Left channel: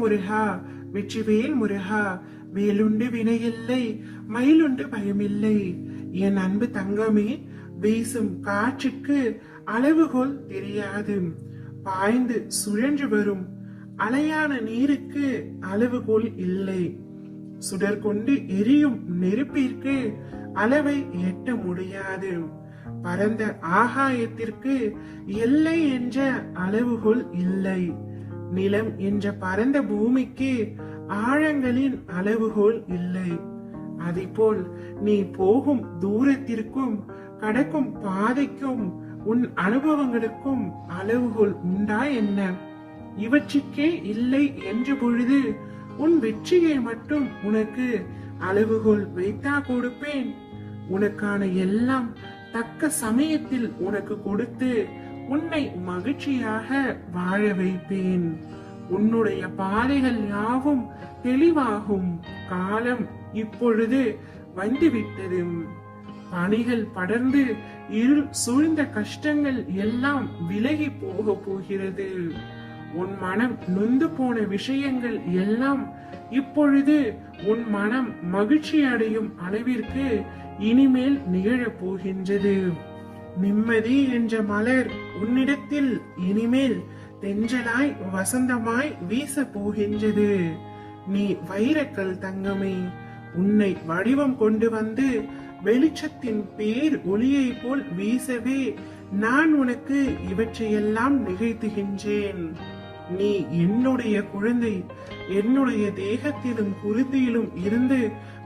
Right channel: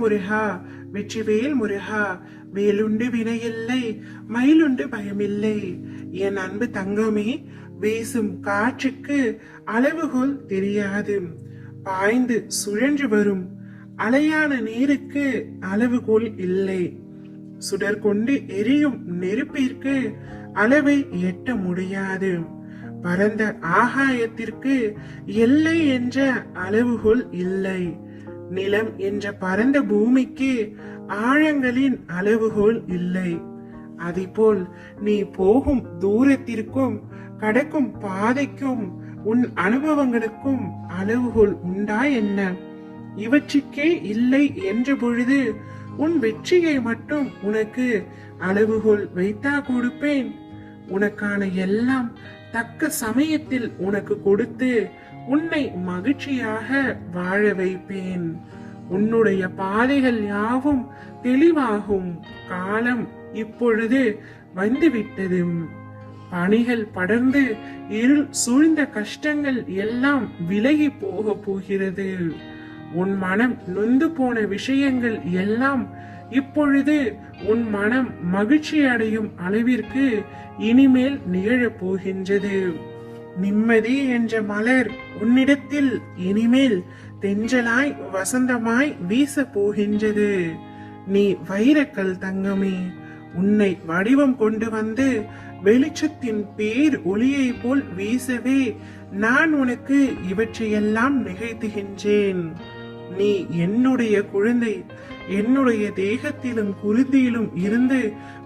முருகா, வெற்றிவேல் முருகா, வேலுண்டு வினையில்லை, மயிலுண்டு பயமில்லை. என் அன்பு தங்கமே, வீசும் காற்றுக்கு அளவுகோல் தெரியாது, பாய்ந்து சுழன்று வரும் அலையான நீருக்கு அளவுகோல் இல்லை. சுடர் கொண்டு எரியும் நெருப்பிற்கு அளவை எட்ட முடியாது. பரந்த ஆகாயத்திற்கு எல்லை என்ற அளவுகோல் இல்லை. நிலம் என்ற பரந்த பூமிக்கு ஆழங்களின் அளவுகோல் இல்லை. அதேபோல் நீ போகும் தூரத்திற்கும் கடக்கும் பாதைக்கும் உன் அனுபவங்களுக்கும் அளவுகோல் உண்டா என்ன? இவற்றுக்கே இல்லை என்ற பொழுது உன் வெற்றியை மட்டும் உனக்கு அளவுகோல் வைத்தா கொடுப்பேன்? உனக்கான எல்லாம் தக்க சமயத்தில் உனக்கு கொடுத்து உன்னை மகிழ்ச்சியாக வாழ வைப்பேன். உன்னுடைய பாதைகள் யாவும் தெளிவாகும் காலம் இப்பொழுது வந்துவிட்டது. பணிகள் படர்ந்து இருள் சூழ்ந்த கஷ்டங்கள் எல்லாம் விலகி போக போகிறது. உன் மனம் நொந்து போன விஷயங்கள் எல்லாம் இப்பொழுது உன் மனம் மகிழ்ச்சி அடையும் அளவிற்கு இனிமேல் நிகழப் போகின்றது. நிம்மதி என்ற மலர் உன்னிடத்தில் இனிமேல் தென்றலாய் வசந்தமாய் வீச போகின்றது. நீ வைரக்கல் தங்கமே, உன்னை வடிவம் கொண்டு வந்து வெளிச்சத்தின் பேர் ஒளியை போல் வீசவே நான் உனக்கு இவற்றையெல்லாம் நிகழ்த்துகின்றேன். நீ என்னுடைய குழந்தை, என்னுடைய தேகத்திலும் குருதியிலும் இருந்து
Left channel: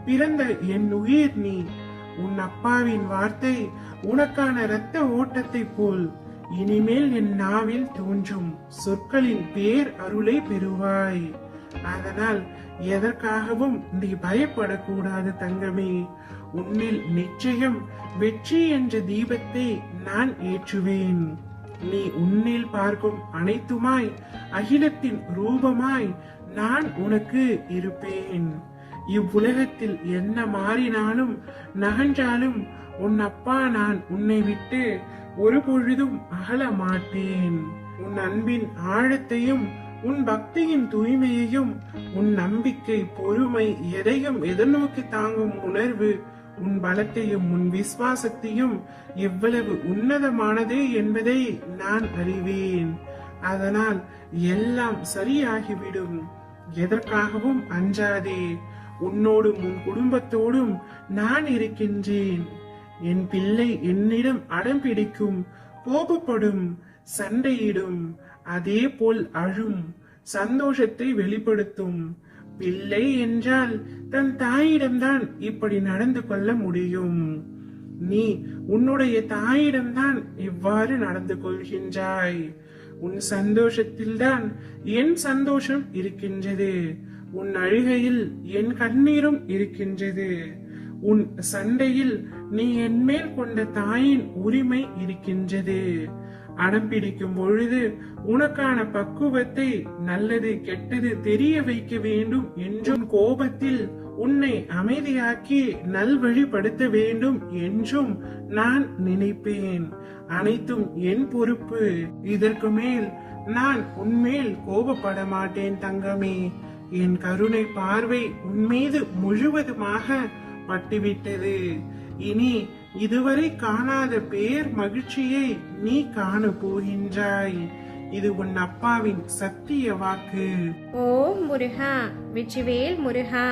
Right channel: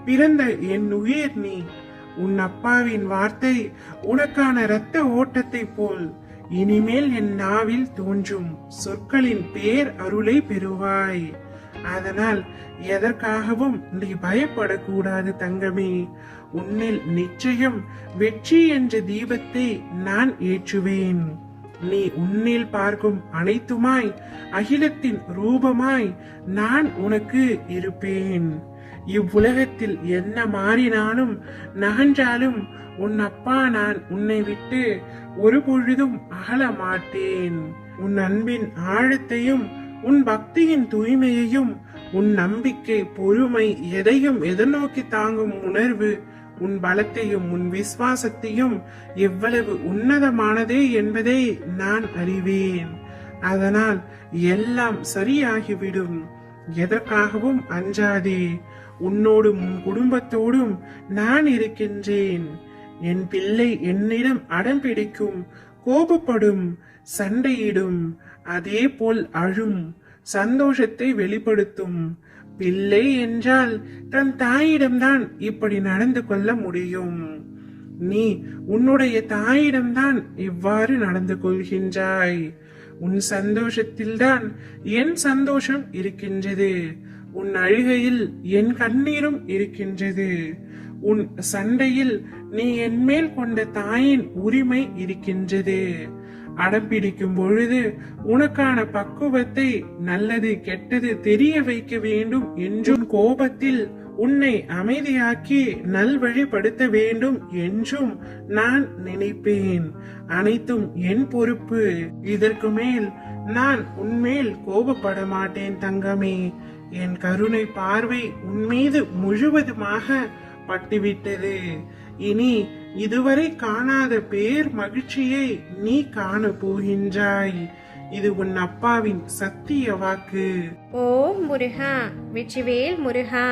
பிறந்த என் உயிர் நீ. உன் அப்பாவின் வார்த்தை உனக்கான இரத்த ஓட்டத்தை போல் இனிமேல் என் நாவில் தோன்றும் சொற்களின் பேர் அருளை பெறுவாய். அதனால் எதற்காகவும் நீ பயப்படக்கூடாது தங்கமே. உன்னில் நிச்சயம் வெற்றி என்ற தீபத்தை நான் ஏற்றுவேன். நீ உன்னில் பார்க்கும் அனைத்துமாய் அகிலத்தின் ரூபமாய் நான் உனக்கு இருப்பேன். இவ்வுலகத்தில் என்ன மாறினாலும் நகன்றாலும் உன் அப்பா நான் உன்னை விட்டு ஒரு பொழுதும் அகல மாட்டேன். உன் அன்பின் ஆழத்தையும் உன் பக்தியின் தூய்மையையும் உன் நம்பிக்கை பொறுமை எதையும் எதிர்நோக்கி தாங்கும் உணர்வு உன் பலத்தையும் உன் விசுவாசத்தையும் எவ்வளவு உன்னதமானது என்பதை நான் அறிவேன். அதனால் எல்லாம் சரியாகிவிடும். எதற்காகவும் அஞ்சாதே. உன்னோடும் உன் குடும்பத்தோடும் நான் இருக்கின்றேன். என் பிள்ளை என்னிடம் அடம் பிடிக்கும், கோபப்படும், சண்டையிடும், அதே போல் அழும், சந்தோஷத்தை வெளிப்படுத்தும். பிள்ளை என்றால் தன் தாயிடம்தான் இப்படி நடந்து கொள்ள முடியும். நீ உன்னுடைய தாயிடம்தான் இவ்வாறு நடந்து கொள்கின்றாய். உன் சந்தோஷத்தில்தான் என் சந்தோஷம் இருக்கின்றது. உன் அழுகையில் என் கண்ணீரும் இருக்கின்றது. உன் சண்டையில் நீ என் மேல் கொண்ட தாயின் உரிமை இருக்கின்றது. அடம் பிடிக்கும் பொழுது உனக்கான பக்குவத்தை நல்லது கெட்டது தெரிய வைக்க வேண்டும் என்றும் கோபத்தில் உன்னை அமைதியாக்கி நல்வழிப்படுத்த வேண்டும் என்றும் நான் நினைப்பேன். அனைத்தும் என் பொறுப்பு. இதற்கு மேல் நான் உன்மேல் கோபப்பட மாட்டேன் தங்கமே. என் கருணை பார்வை உன்மீது முழுவதுமாக பட்டுவிட்டது. இனி இதுவரை காணாத பேர் மகிழ்ச்சியை நீ காண போகின்றாய். இது உன் அப்பாவின் சத்திய வாக்கு. ஓம் முருகா, வெற்றிவேல் முருகா.